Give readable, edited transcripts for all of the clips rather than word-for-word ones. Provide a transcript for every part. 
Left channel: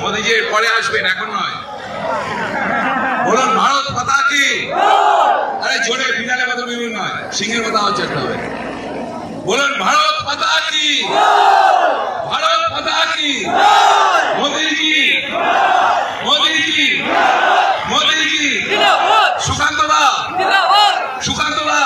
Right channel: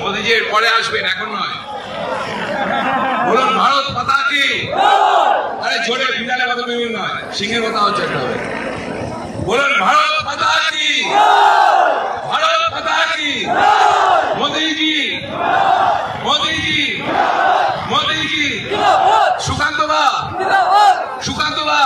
মোদিজি পরে আসবেন, এখন নয়। বলুন ভারত মাতা কি। আরে জোরে বিড়ালের কথা বিড়ুল নয়, সিংহের কথা হচ্ছে একটা। বলুন ভারত মাতা কি, ভারত মাতা কি। মোদিজি মোদিজি মোদিজি। সুকান্ত দা সুকান্ত দা।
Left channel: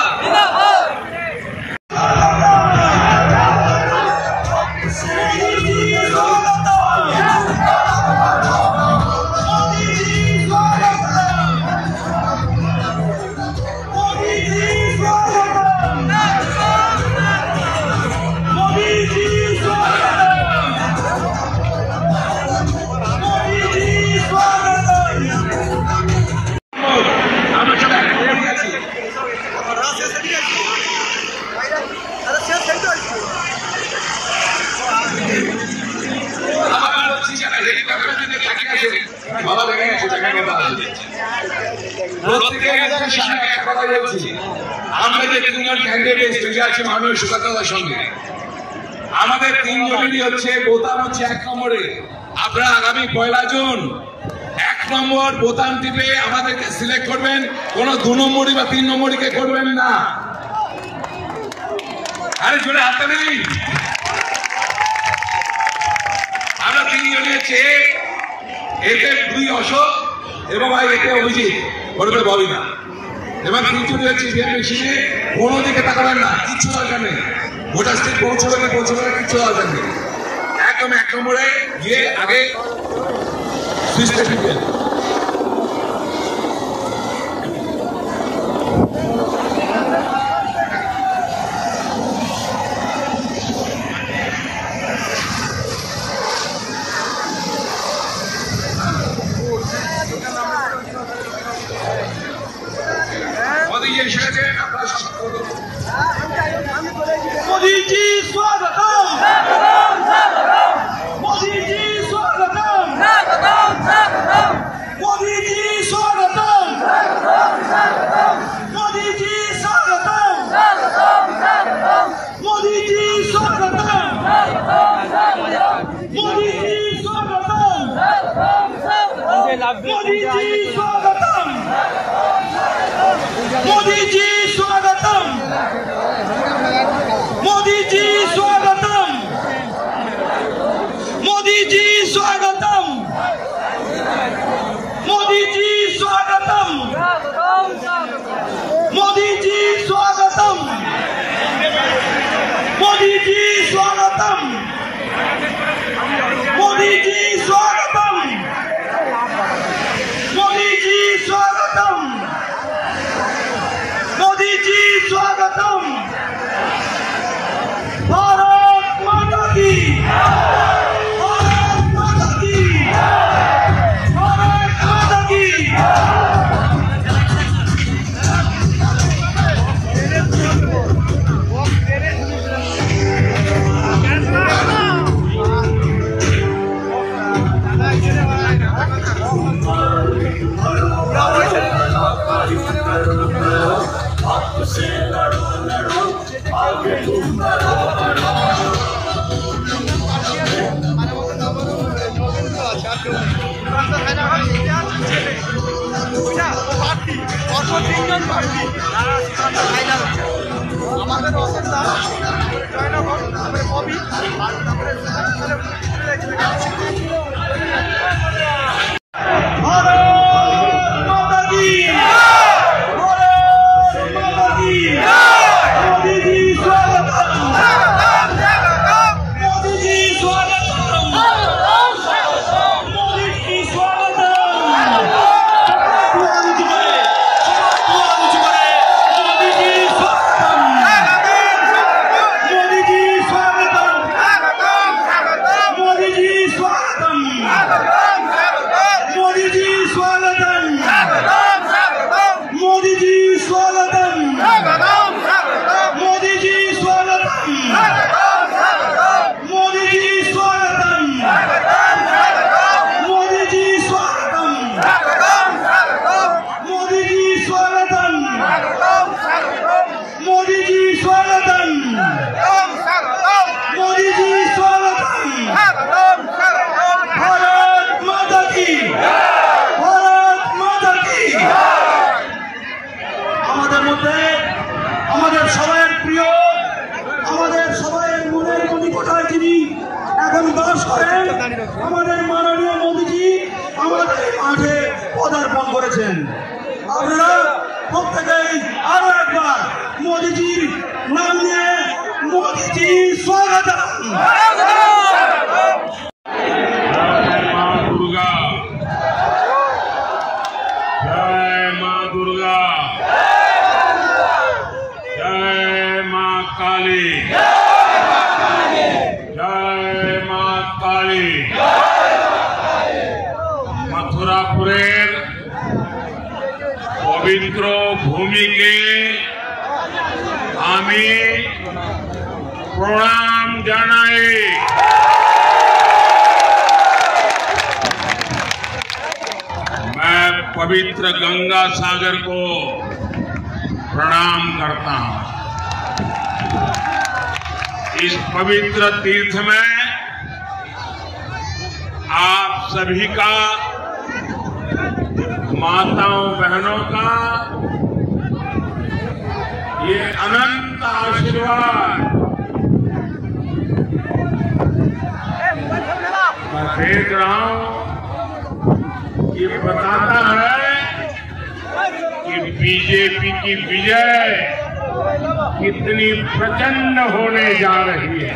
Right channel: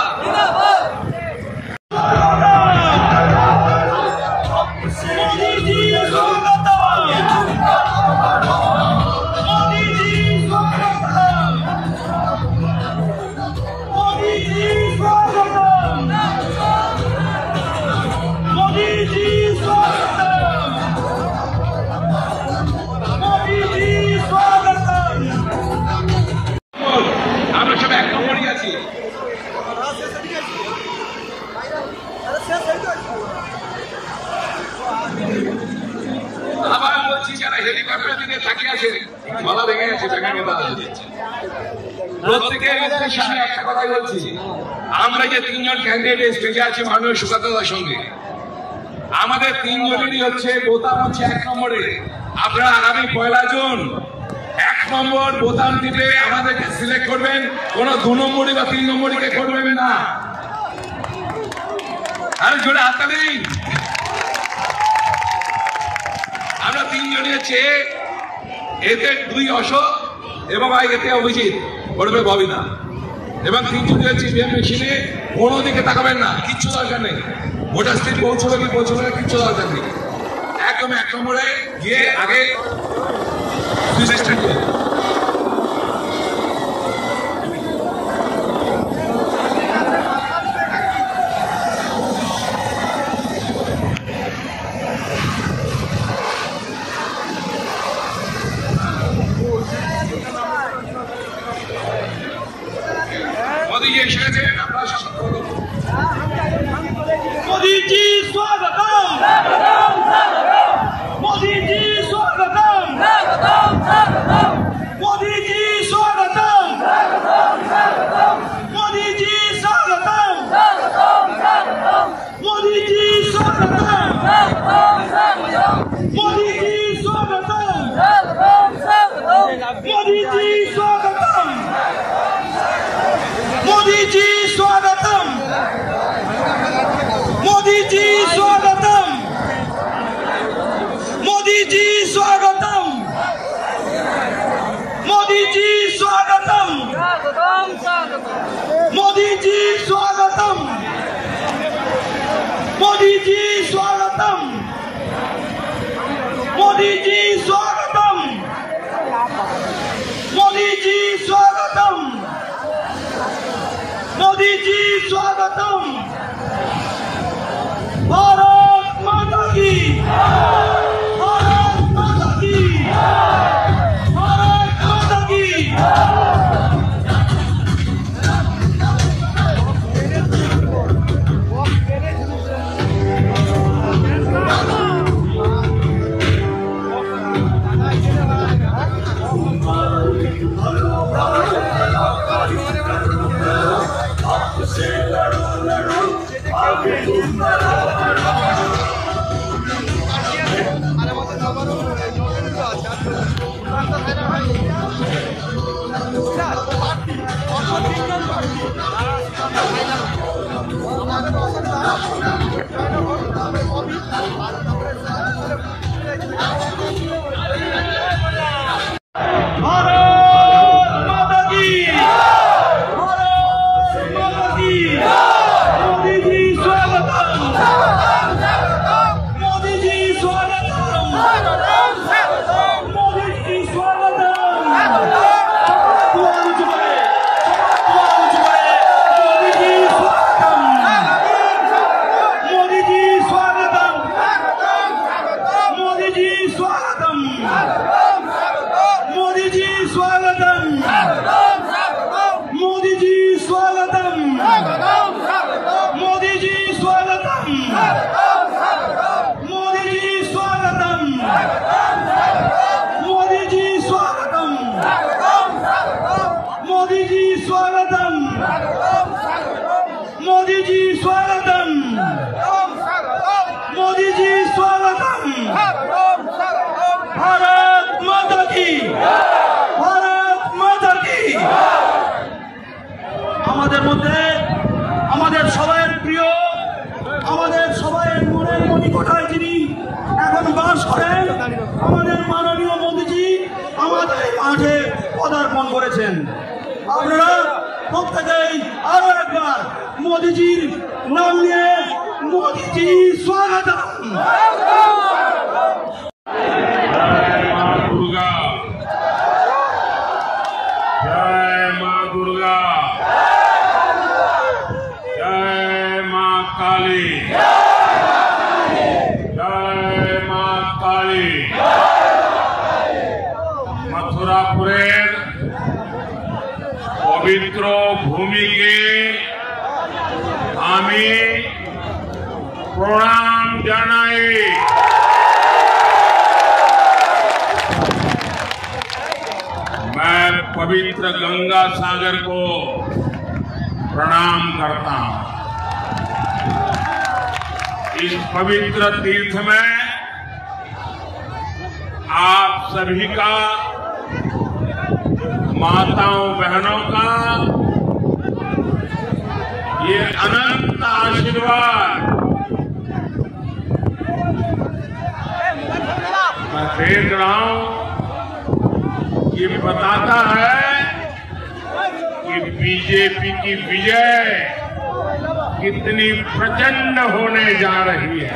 আবার বলছি যারা হেলিকপ্টার দিকে তাকিয়ে আছে বাবা দেখে গেছে টাকা কথা প্রত্যেকের সামনে একটা কথাই বলছি, আমরা যে তিনজন ক্যান্ডিডেট স্টেজে আছি মাননীয় সুকান্তদার সঙ্গে, আমাদের তিনজনেরই হচ্ছে বোতাম হচ্ছে 1 নম্বরে। আপনারা আগামী 1 জুন 1 নম্বর বোতাম টিপে আমাদেরকে সিলেক্ট করবেন, কোন 2 নম্বরই বা 3 নম্বরীকে করবেন না। আরে জোরে হাতটা নেই। আমরা তিনজনই হচ্ছে এতে 2 অশোক এবং এতে অভিজিৎ বলবে ববিনা এবং তিনজনই হচ্ছে বিএনপি ছিনে, কোনো দিকে তাকাবেন না, কিচ্ছু দরকার নেই। ভোটার স্টেট পৌঁছবে কি পৌঁছবে না কিচ্ছু দরকার নেই, একদম 1 নম্বরে গিয়ে আগে मोदी जी स्वागतम, मोदी जी स्वागतम, मोदी जी स्वागतम, मोदी जी स्वागतम, मोदी जी स्वागतम, मोदी जी स्वागतम, मोदी जी स्वागतम, मोदी जी स्वागतम, मोदी जी स्वागतम, मोदी जी स्वागतम, मोदी जी स्वागतम, मोदी जी स्वागतम, मोदी जी स्वागतम, मोदी जी स्वागतम, मोदी जी स्वागतम, मोदी जी स्वागतम। भारत माता की, भारत माता की, भारत माता की। मोदी जी स्वागतम, मोदी जी स्वागतम, भारत माता की, भारत माता की। আমাদের মধ্যে আমাদের সবার প্রিয়, আমাদের সবার মনের মনিকোঠায় যিনি এখন বাস করেন, আমাদের মাননীয় মোদীজি আমাদের মাঝে পদার্পণ করেছেন। আপনারা প্রত্যেকেই আরো একবার মোদীজির নাম নিয়ে মোদীজি স্বাগতম। जय मां दुर्गा, जय मां दुर्गा, जय मां काली, जय मां काली। मथुरापुरेर पवित्र भूमि के আমি প্রণাম জানাই। मैं पवित्र गंगा सागर को प्रणाम करता हूं। इस पवित्र तीर्थ में आप सभी का, माताओं बहनों का ये अनंत आशीर्वाद मैं देख रहा हूं, ये बताता है कि बीजेपी की विजय कितनी प्रचंड होने जा रही है।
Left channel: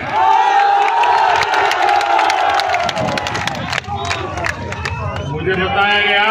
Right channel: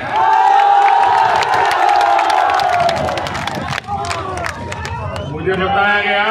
मुझे बताया गया